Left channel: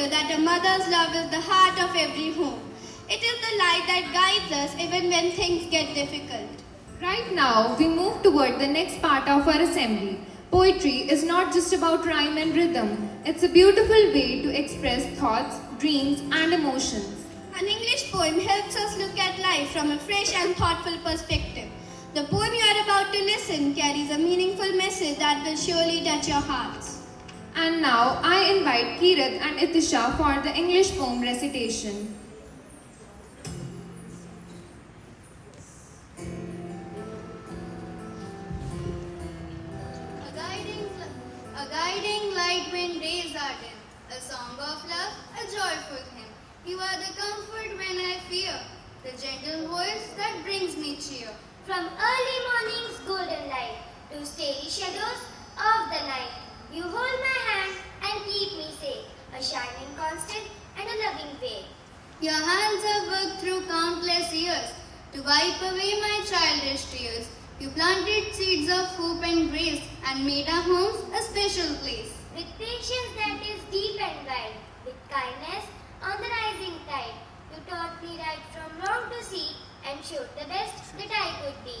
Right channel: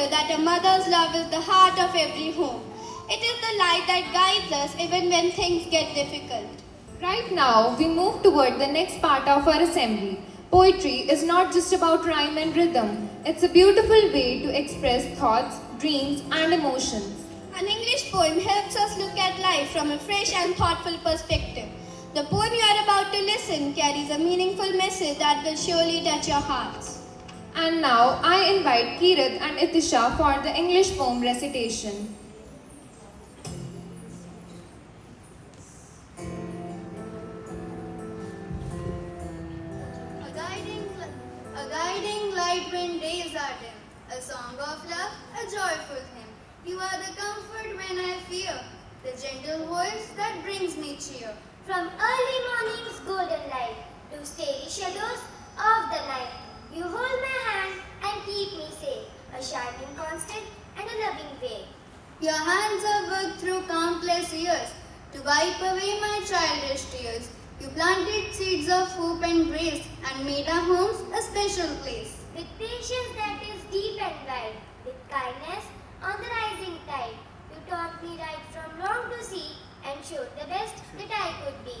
reminder that a mother's love is the heart of every home. It is the light that guides us even when things get difficult. Right now, we move toward the next part of our assembly. Poetry is not just about rhyme and rhythm, it's a beautiful way to express thoughts, dreams, and emotions. An English poem helps us look at life from a fresh and thoughtful perspective. The poem you are about to listen carries a meaningful message that will surely touch your hearts. And now, I invite Kirat and Itisha for the English poem recitation. A guiding light when days are dim, a song of love, a joyful hymn. You are the comfort when I fear, the gentle voice that brings me cheer. From early morning's golden light to starry shadows of the night, you hold my hand and keep me safe, a shining constant and a loving way. Your hands have worked through countless years to wipe away my childish tears. You planted seeds of hope and grace and made our homes a special place. With patience that is deep and wide, with kindness on the rising tide, you taught me right from wrong to see and showed the best that I could be.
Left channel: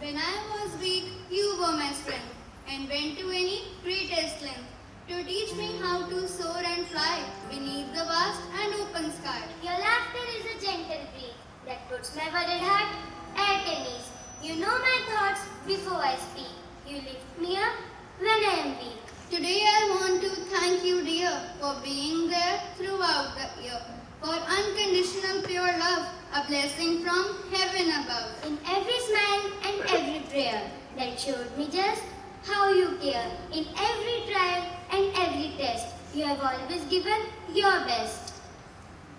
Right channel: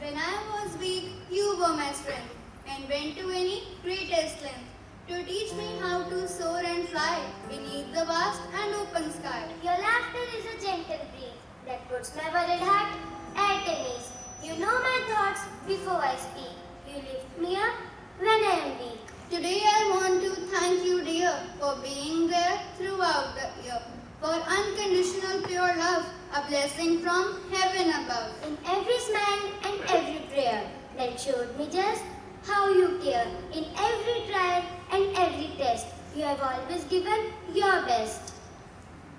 When I was weak, you were my strength and went to any greatest length to teach me how to soar and fly beneath the vast and open sky. Your laughter is a gentle breeze that puts my worried heart at ease. You know my thoughts before I speak. You lift me up when I am weak. Today I want to thank you, dear, for being there throughout the year. For unconditional pure love, a blessing from heaven above. In every smile and every prayer that showed me just how you care. In every trial and every test, you have always given your best.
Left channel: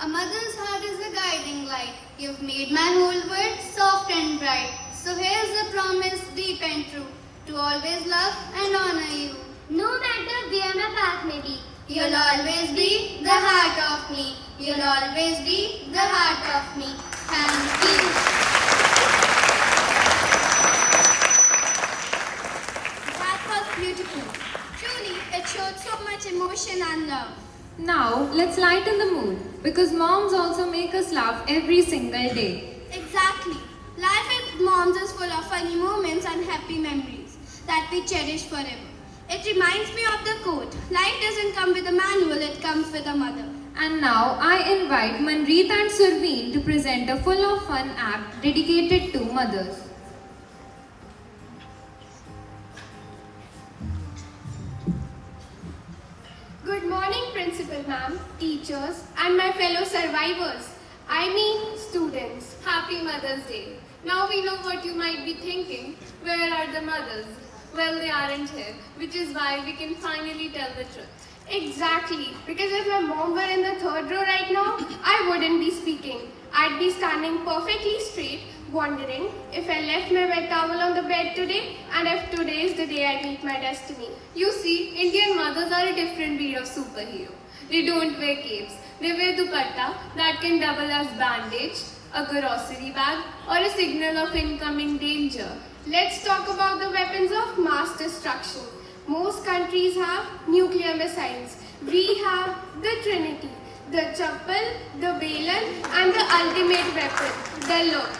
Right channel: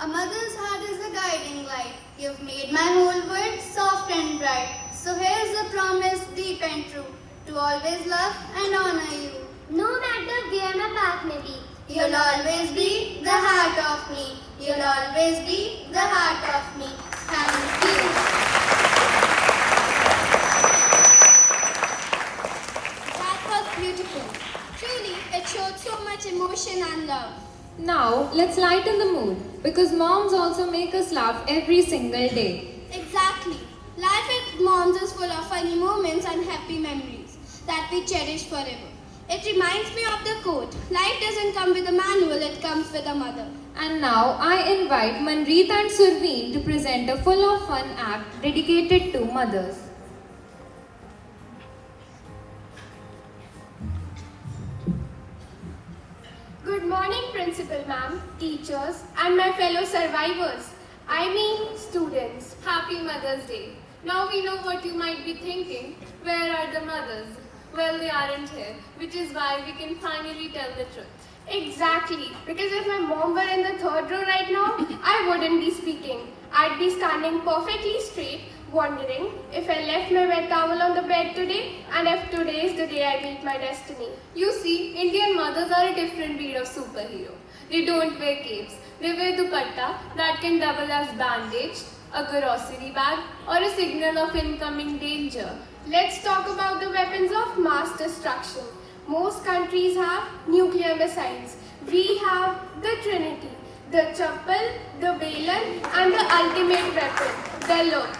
A mother's heart is a guiding light. You've made my whole world soft and bright. So here's a promise deep and true, to always love and honor you. No matter where my path may be, You'll always be the heart of me. You'll always be the heart of me. Thank you. That was beautiful. Truly, it showed so much emotion and love. Now, let's lighten the mood because moms also make us laugh every single day. Exactly. Life with moms is full of funny moments and happy memories that we cherish forever. It reminds me of the quote, life doesn't come with a manual, it comes with a mother. And now, I invite Manreet and Surveen to present a full of fun act dedicated to mothers. Good morning, Principal Ma'am, teachers, and my fellow survivors. I mean, students. Happy Mother's Day. Now we know what you might be thinking. Where are the mothers? Well, they aren't here, which is why we can finally tell the truth. Exactly, because if my mom were in the third row right now, I wouldn't be speaking. I'd be standing perfectly straight, wondering if I left my wet towel on the bed today and if today is the day I meet my destiny. You see, Indian mothers are a different breed of superhero. They don't wear capes. They wear dupatta that can double as bandage, a grocery bag, or a signal of incoming danger. Let's talk about the weapons of mass destruction. Most countries have nuclear missiles. We have the Trinity, the Chappal, the Balan, and the ultimate weapon, the look.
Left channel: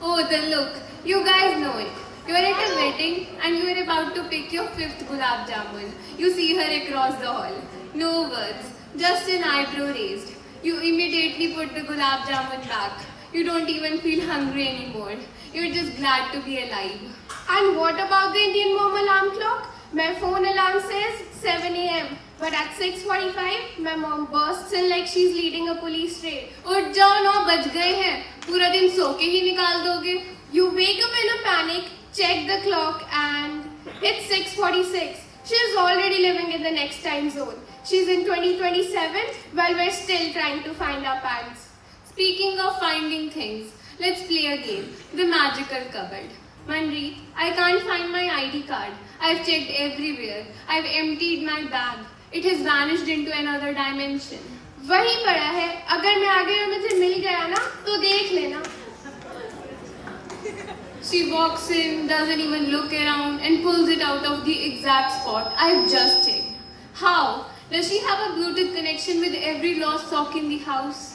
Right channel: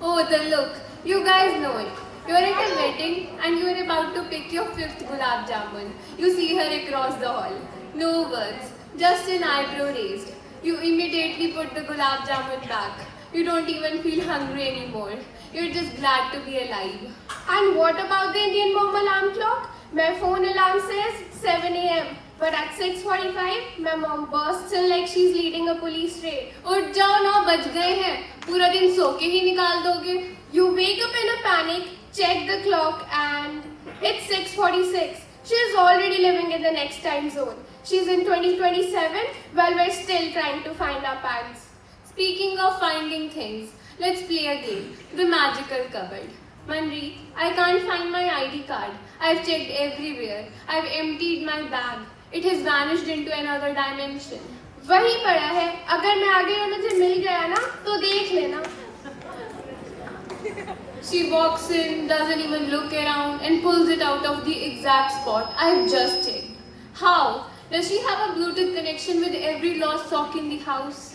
Oh, the look. You guys know it. You're at a wedding and you're about to pick your fifth gulab jamun. You see her across the hall. No words, just an eyebrow raised. You immediately put the gulab jamun back. You don't even feel hungry anymore. You're just glad to be alive. And what about the Indian mom alarm clock? My phone alarm says 7 a.m. But at 6:45, my mom bursts in like she's leading a police raid. उठ जाओ 9 बज गए हैं. पूरा दिन सो के ही निकाल दोगे. You wake up in a panic, check the clock, and it's 6:46. She's already living in the next time zone. She's in 2027 while we're still trying to find our pants. Speaking of finding things, let's play a game. The magical cupboard. Manri, I can't find my ID card. I've checked everywhere. I've emptied my bag. It has vanished into another dimension. वही पड़ा है. अगर मैं आगे और मुझे मिल गया ना, तो देख लेना. She walks in, doesn't even look around, and pulls it out of the exact spot I've just checked. How? Does she have a Bluetooth connection with every lost sock in the house?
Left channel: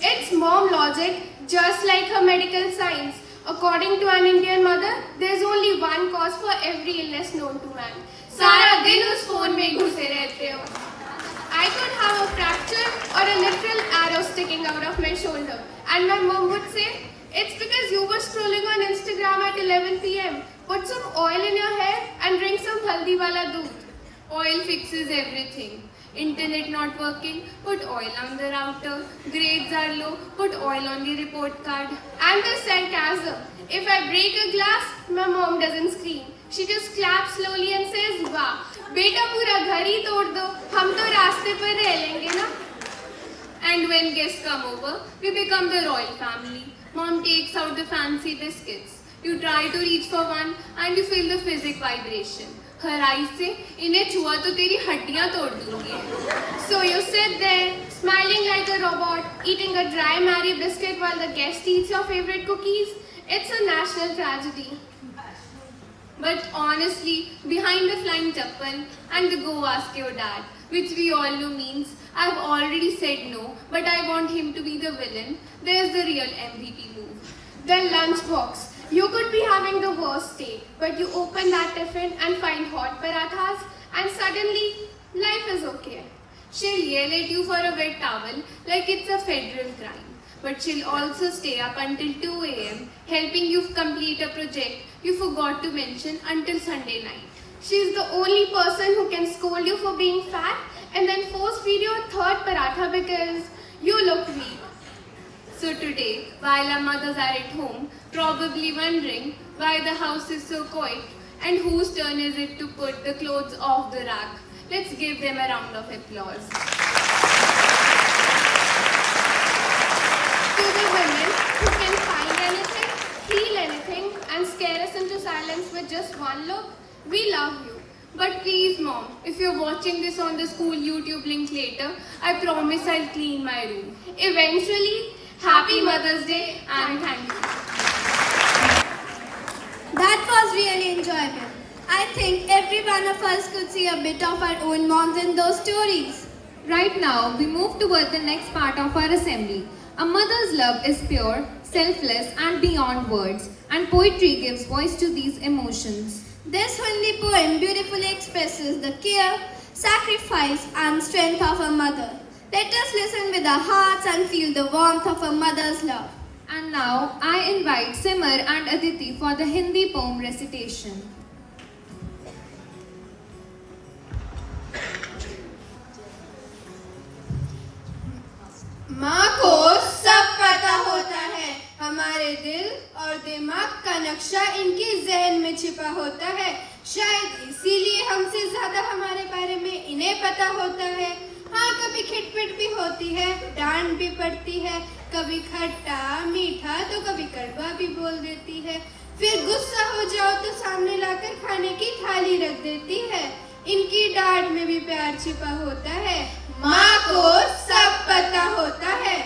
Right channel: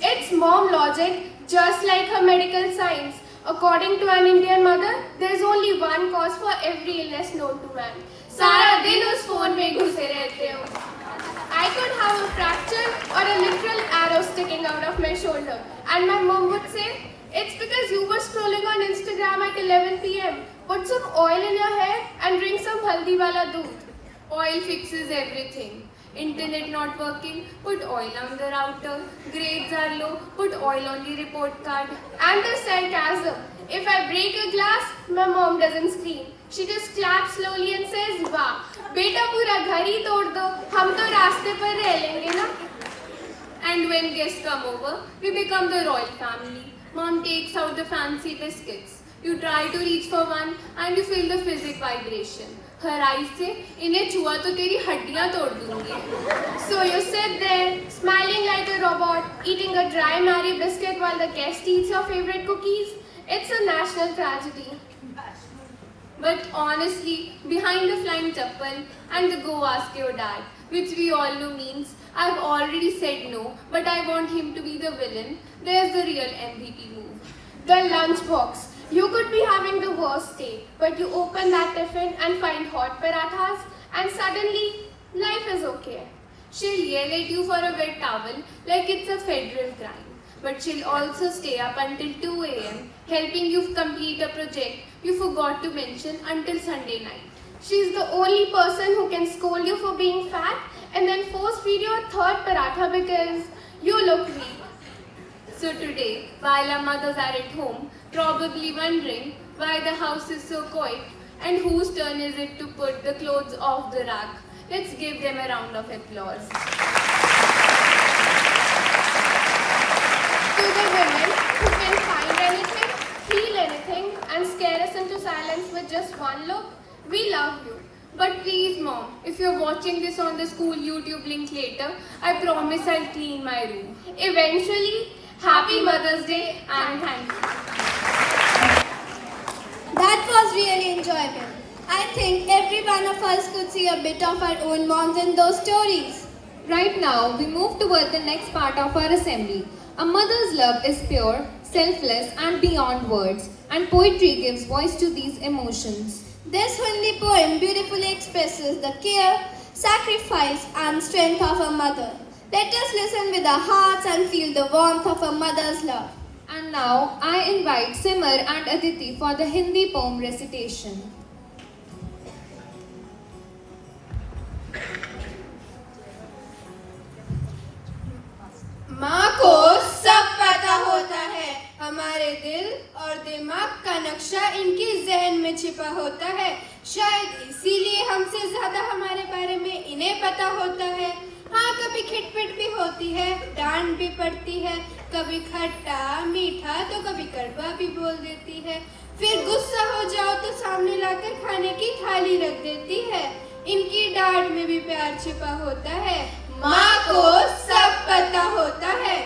It's mom logic, just like her medical science. According to an Indian mother, there's only one cause for every illness known to man. सारा दिन उस phone में घुसे रहते हो. I could have a fracture or a literal arrow sticking out of my shoulder, and my mom would say, "It's because you were scrolling on Instagram at 11 p.m. Put some oil in your hair and drink some haldi wala doodh." Oil fixes everything. Internet not working, put oil on the router. Grades are low, put oil on the report card. And the sarcasm. If I break a glass, my mom doesn't scream. She just claps slowly and says, "Wow, beta pura ghar hi tod do. Hum to raaste par reh lenge na." And when guests come over, we become the royal family. Mom takes out the fancy biscuits. You try to reach for one and you feel the physic vibration. Her eyes say, "इन्हें छुआ तो तेरी हड्डियां तोड़ दूंगी." So you sit there, smiling like a robot, eating a dry Marie biscuit while the guest eats your favorite cookies. It's a national tragedy. But honestly, behind the flying chappal and the go ask your dad, which we all know means I've already said no, but I want him to be the villain, there's the real MVP move. The lunchbox. You could be having the worst day, but you open that tiffin and find hot parathas, and suddenly life is okay. She'll yell at you for a wet towel like it's a federal crime. But she'll also stay up until 2 a.m. helping you complete a project you forgot to mention until Sunday night. She's the only person who can scold you for being fat and then force feed you a third paratha because you look weak. So today, while our mothers are at home, probably wondering why the house is so quiet and whose turn is it to put the clothes off the rack, let's give them a round of applause. To the women who can find anything, feel anything, and scare us into silence with just one look, we love you. But please, Mom, if you're watching this on the school YouTube link later, I promise I'll clean my room. Eventually, Happy Mother's Day and thank you. That was really enjoyable. I think every one of us could see a bit of our own moms in those stories. Right now, we move toward the next part of our assembly. A mother's love is pure, selfless, and beyond words, and poetry gives voice to these emotions. This Hindi poem beautifully expresses the care, sacrifice, and strength of a mother. Let us listen with our hearts and feel the warmth of a mother's love. And now, I invite Simar and Aditi for the Hindi poem recitation. माँ को सब पता होता है, हमारे दिल और दिमाग का नक्शा इनके जहन में छिपा होता है। शायद इसीलिए हमसे ज्यादा हमारे बारे में इन्हें पता होता है। हाँ, कभी खिटपिट भी होती है, डांट भी पड़ती है, कभी खट्टा मीठा तो कभी कड़वा भी बोल देती है। फिर गुस्सा हो जाओ तो सामने लाकर खाने की थाली रख देती है। इनकी डांट में भी प्यार छिपा होता है। माँ को सब पता होता है।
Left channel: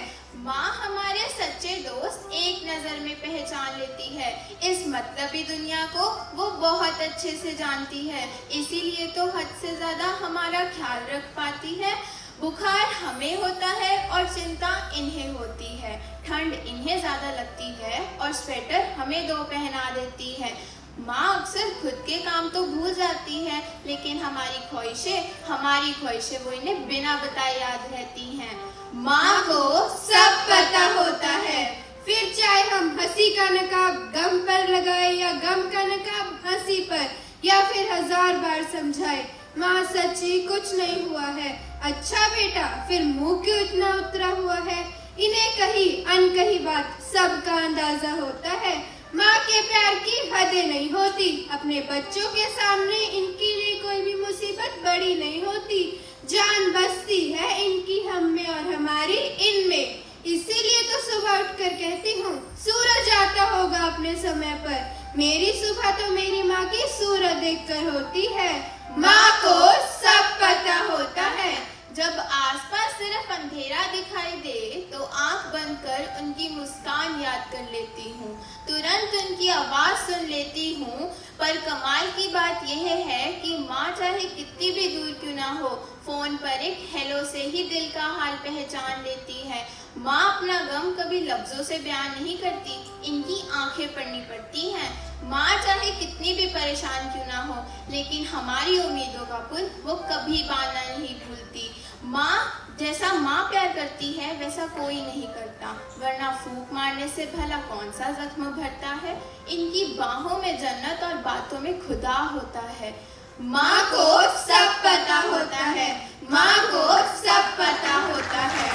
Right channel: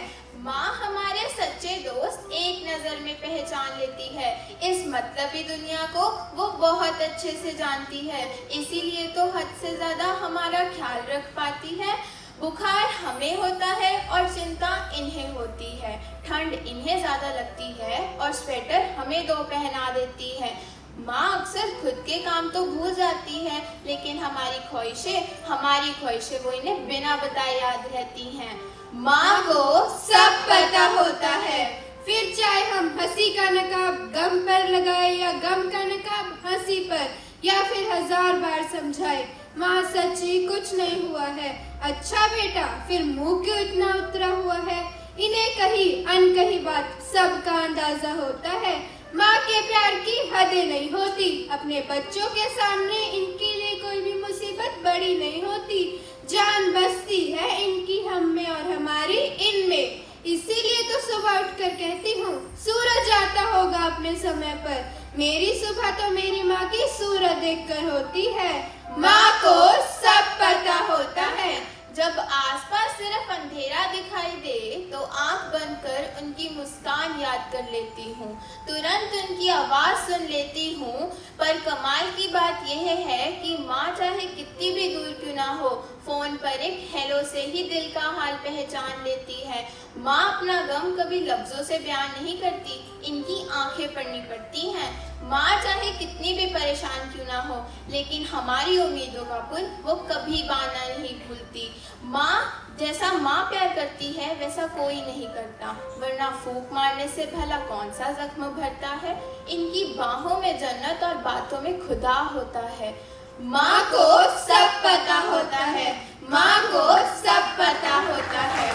माँ हमारे सच्चे दोस्त एक नजर में पहचान लेती है। इस मतलबी दुनिया को वो बहुत अच्छे से जानती है, इसीलिए तो हद से ज्यादा हमारा ख्याल रख पाती है। बुखार हमें होता है और चिंता इन्हें होती है, ठंड इन्हें ज्यादा लगती है और स्वेटर हमें दो पहना देती है। माँ अक्सर खुद के काम तो भूल जाती है, लेकिन हमारी ख्वाहिशें वो इन्हें बिना बताए याद रहती हैं। माँ को सब पता होता है। फिर चाहे हम हंसी का नकाब गम पर लगाए या गम का नकाब हंसी पर, या फिर 1000 बार समझाए, माँ सच्ची कुछ नहीं हुआ है। अच्छा बेटा, फिर मुंह क्यों इतना उतरा हुआ है? इन्हें कही अनकही बात सबका अंदाजा होता है। माँ के प्यार की हदें नहीं होती, अपने बच्चों के सामने इनके लिए कोई भी मुसीबत बड़ी नहीं होती। जान बसती है इनकी हम में और हमारी इनमें, इसीलिए तो सुबह उठकर कहती हूँ सूरज आता होगा अपने समय पर। मेरी सुबह तो मेरी माँ की सूरत देखकर होती है। माँ को सब पता होता है। जब आसपास सिर्फ अंधेरा दिखाई दे तो आंख बंद कर उनकी मुस्कान याद कर लेती हूँ, तुरंत उनकी आवाज सुन लेती हूँ। पर कमाल की बात यह है कि माँ चाहे कितनी भी दूर क्यों ना हो, फोन पर एक हेलो से ही दिल का हाल पहचान लेती है। माँ अपना गम कभी लफ्जों से बयान नहीं करती, इनकी आंखें पढ़नी पड़ती हैं। माँ चाहे कितनी भी परेशान क्यों ना हो, लेकिन हमारी उम्मीदों का पुल वो कभी बांधना नहीं भूलती। माँ जैसा माँ प्यार करती है वैसा कोई नहीं करता, वरना फूंक मारने से भला कौन सा जख्म भरता है। इनकी बाहों में जन्नत और बातों में खुदा होता है। माँ को सब पता होता है, माँ को सब पता होता है।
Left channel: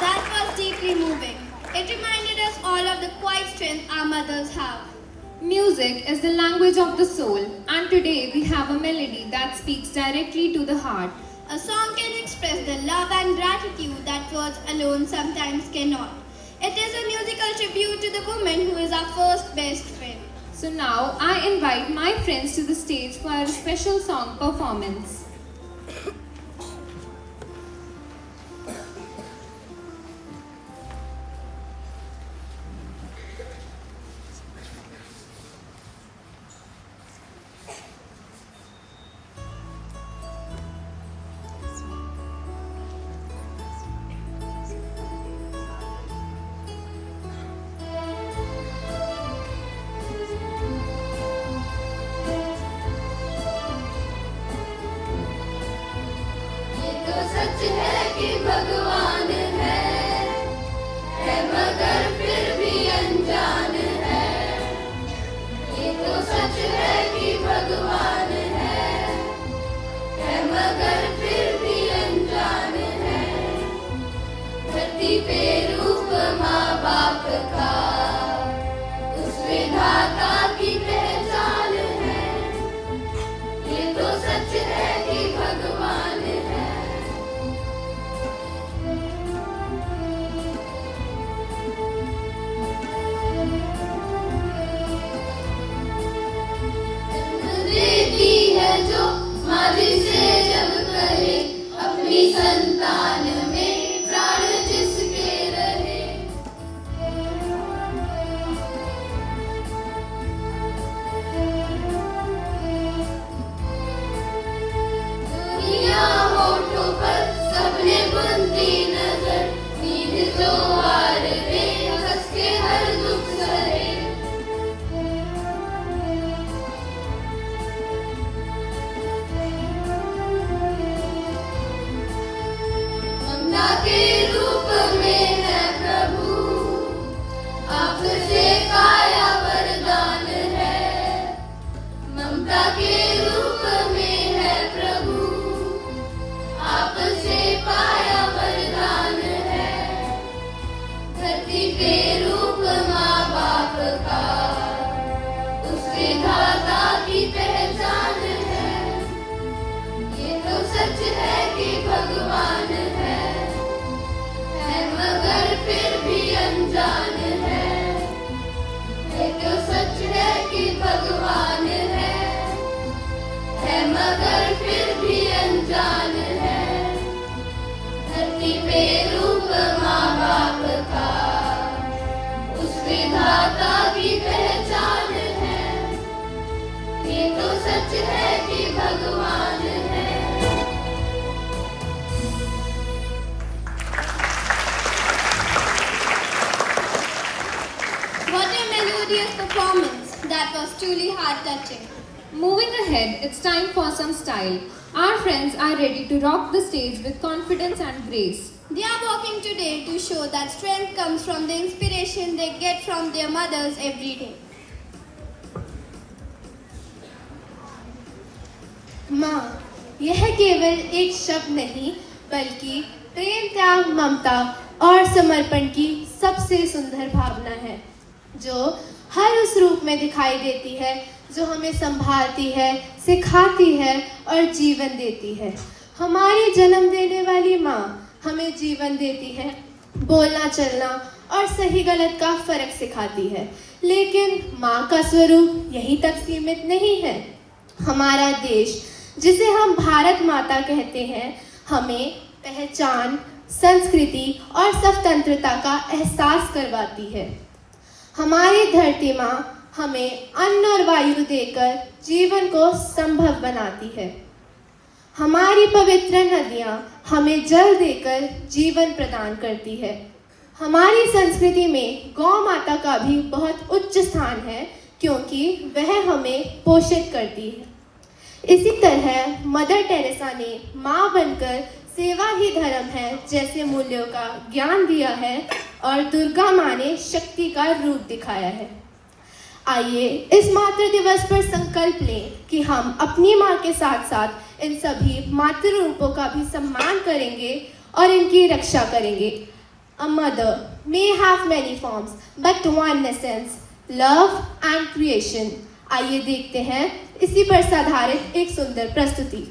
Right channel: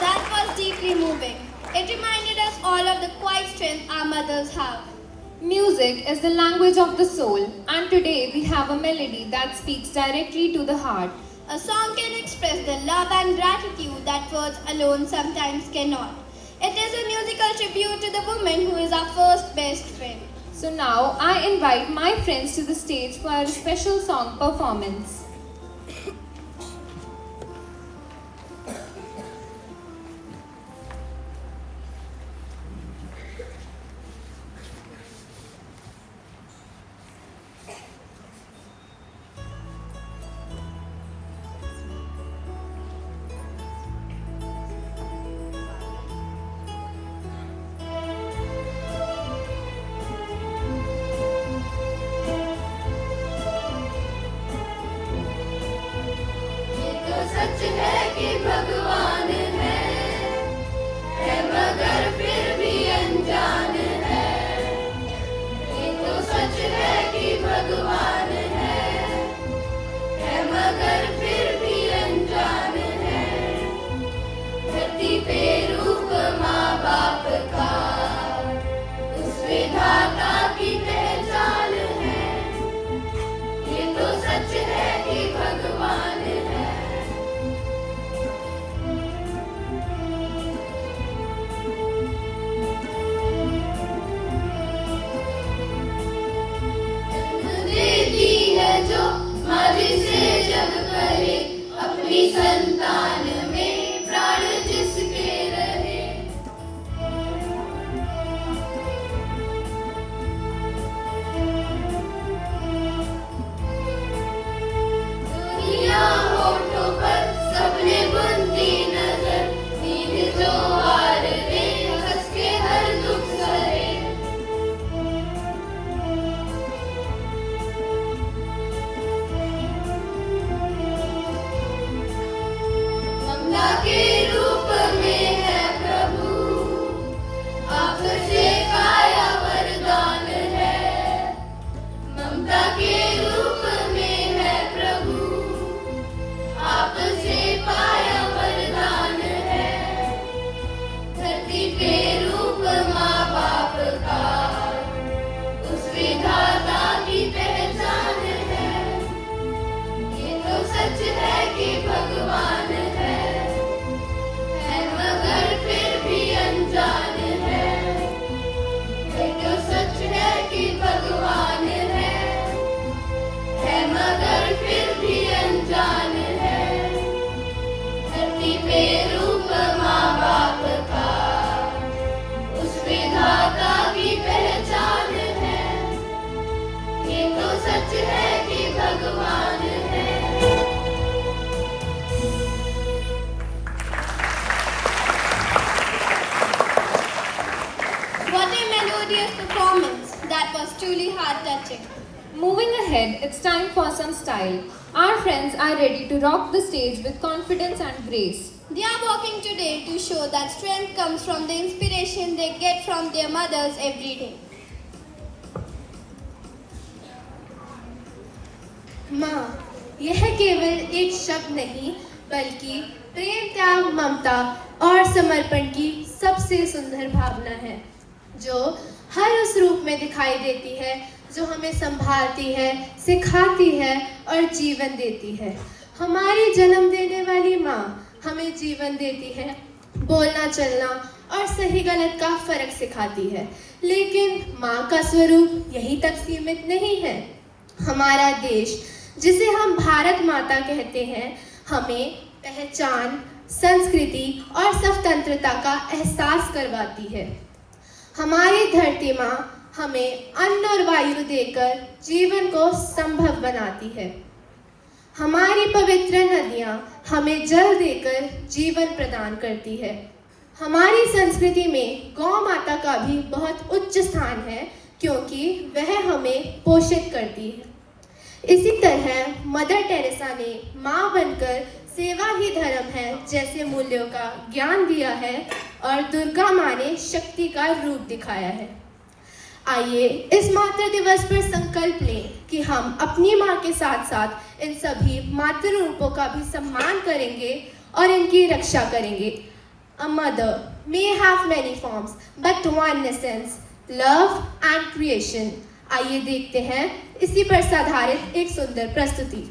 That was deeply moving. It reminded us all of the quiet strength our mothers have. Music is the language of the soul, and today we have a melody that speaks directly to the heart. A song can express the love and gratitude that words alone sometimes cannot. It is a musical tribute to the woman who is our first best friend. So now I invite my friends to the stage for a special song performance. सच है कि भगवान है मगर फिर भी अनजान है। ये तो सच है कि भगवान है मगर फिर भी अनजान है। धरती पे रूप माँ बाप का उस विधाता की पहचान है। ये तो सच है कि भगवान है। देती है जो माँ जिसे जब करे अपनी संतान में प्राण जिसके रहे। दुनिया होठों पर सबने बुनती नजर, नींद जो हार दे हंस के हर दुख सहे। ममता के रूप में है प्रभु, आपसे काया वरदान है। ममता के रूप में है प्रभु, आपसे पाया वरदान है। धरती पे रूप माँ बाप का उस विधाता की पहचान है। ये तो सच है कि भगवान है मगर फिर भी अनजान है। ये तो सच है कि भगवान है मगर फिर भी अनजान है। धरती पे रूप माँ बाप का उस विधाता की पहचान है। ये तो सच है कि भगवान है। What a melodious performance. That was truly heart-touching. Moving ahead, it's time for some style. Our friends are ready to rock the stage with confidence and grace. They are walking today to show that strength comes from the inspiration they get from their mothers every day. माँ, यह केवल एक शब्द नहीं बल्कि प्रेम, त्याग, ममता और समर्पण की सबसे सुंदर भावना है, जो हर उस रूप में दिखाई देती है जो हमें संभालती है, सिखाती है और जीवन देती है। हमारी जन्म देने वाली माँ हमें जीवन देती है, बोलना चलना और सही गलत का फर्क सिखाती है। लेकिन माँ का स्वरूप यहीं तक सीमित नहीं है। हमारा देश, जिसे हम भारत माता कहते हैं, हमें पहचान, संस्कृति और स्वतंत्रता का एहसास करवाती है। हमारी धरती माँ हमें अन्न और वायु देकर जीवन को संभव बनाती है। हमारी पवित्र नदियाँ हमें जल देकर जीवन प्रदान करती है। हमारी संस्कृति में गौ माता का भी बहुत उच्च स्थान है, क्योंकि वह हमें पोषित करती है। इसी तरह मदर टेरेसा ने माँ बनकर सेवा ही धर्म है जैसे मूल्यों का ज्ञान दिया है, और दुर्गा माँ ने शक्ति का रूप दिखाया है। आइए इस मातृ दिवस पर संकल्प लें कि हम अपनी माँ के साथ साथ इन सभी मातृ रूपों का भी सम्मान करेंगे और इनकी रक्षा करेंगे। A mother may have many forms, but one essence, love and creation. आइए देखते हैं इसी पर आधारित एक सुंदर प्रस्तुति।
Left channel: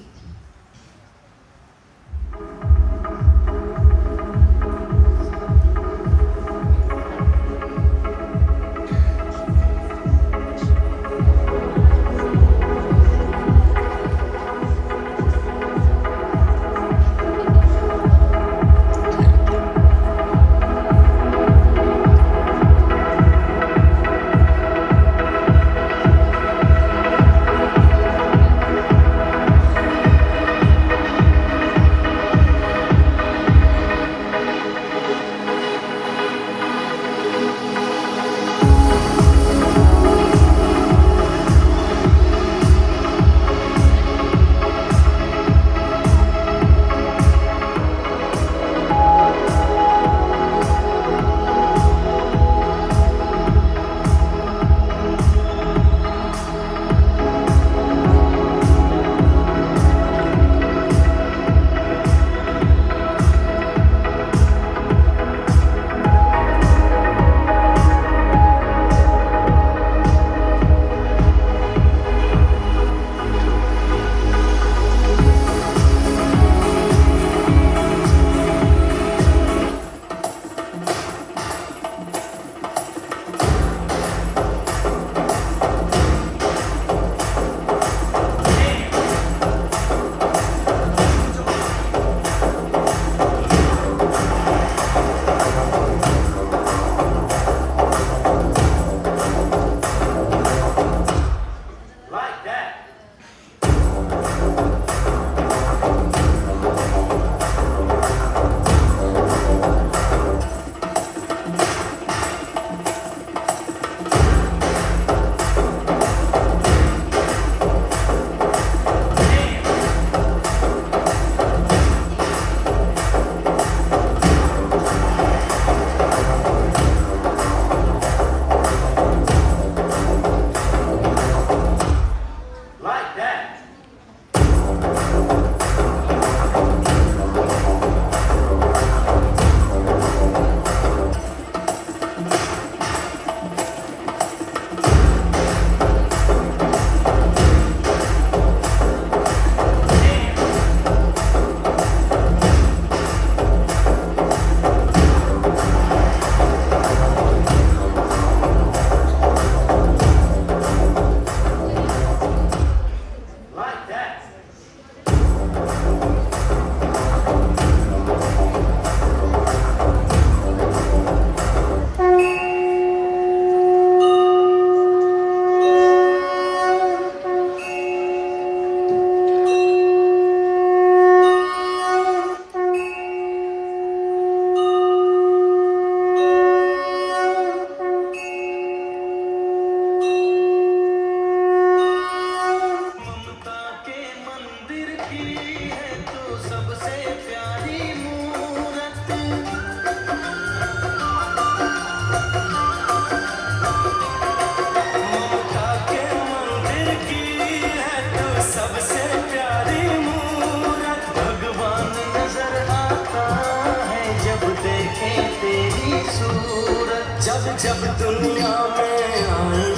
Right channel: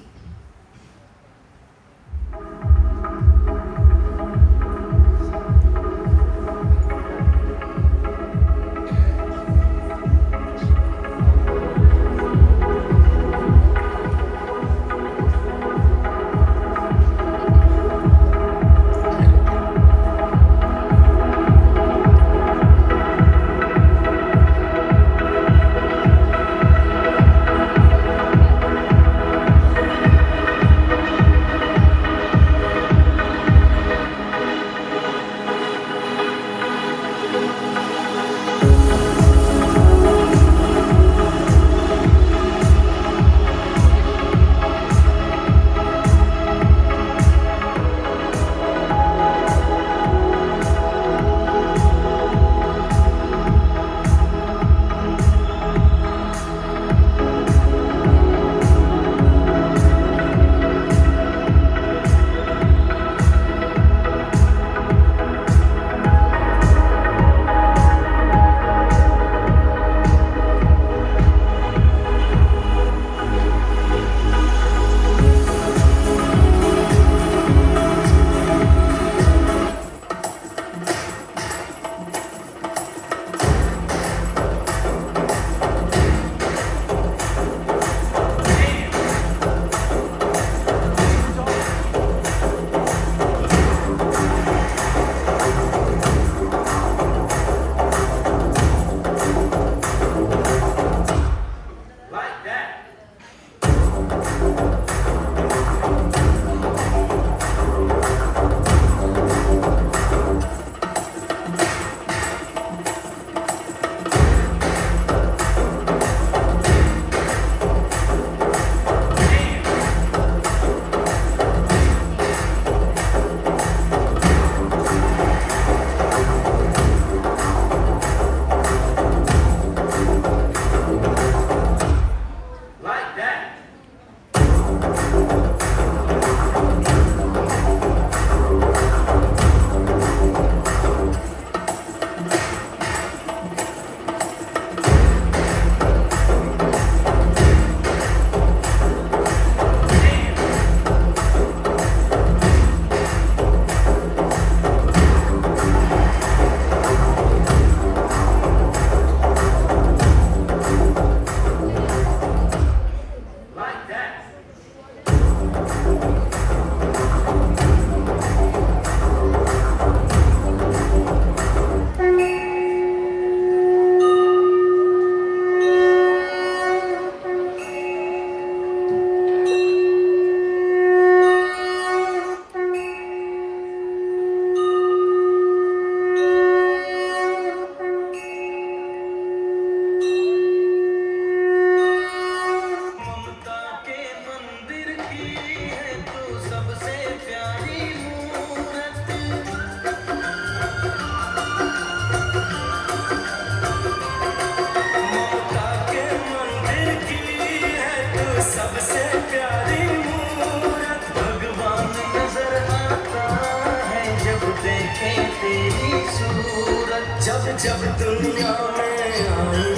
जब दुनिया में आई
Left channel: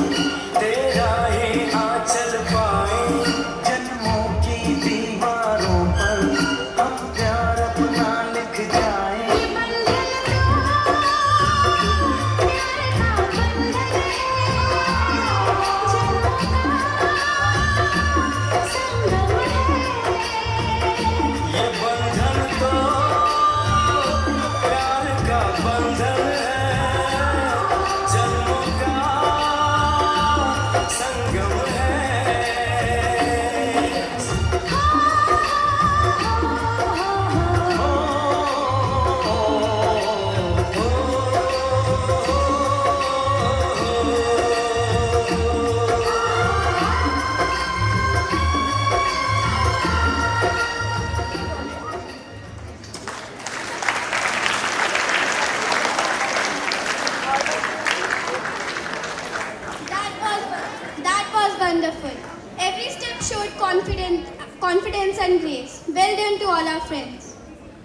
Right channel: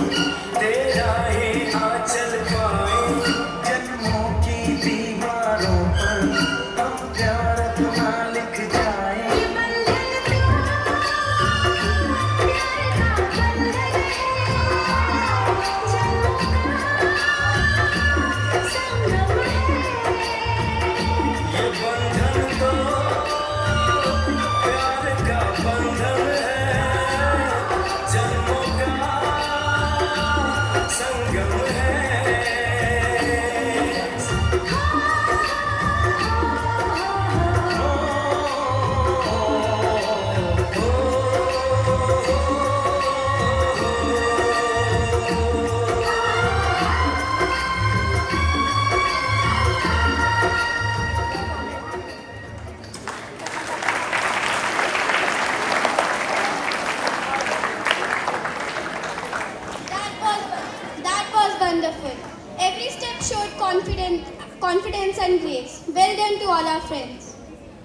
तेरा ही आंचल पाए, जन्मों की दीवारों पर हम प्यार अपना लिख जाए। ये बंधन तो प्यार का बंधन है, जन्मों का wonderful. Every step showed confidence and grace. Well done to all our friends.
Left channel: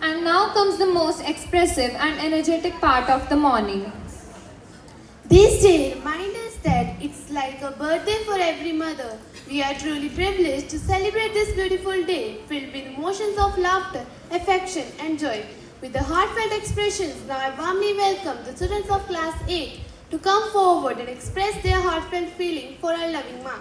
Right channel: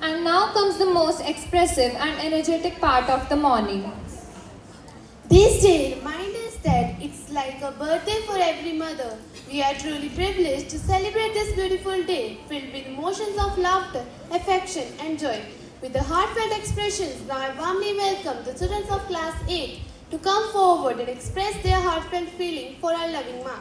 And now comes the most expressive and energetic part of the morning. This day reminds us that it's like a birthday for every mother. We are truly privileged to celebrate this beautiful day filled with emotions of laughter, affection and joy. With the heartfelt expressions, now I warmly welcome the students of class 8 to come forward and express their heartfelt feeling for our loving Ma.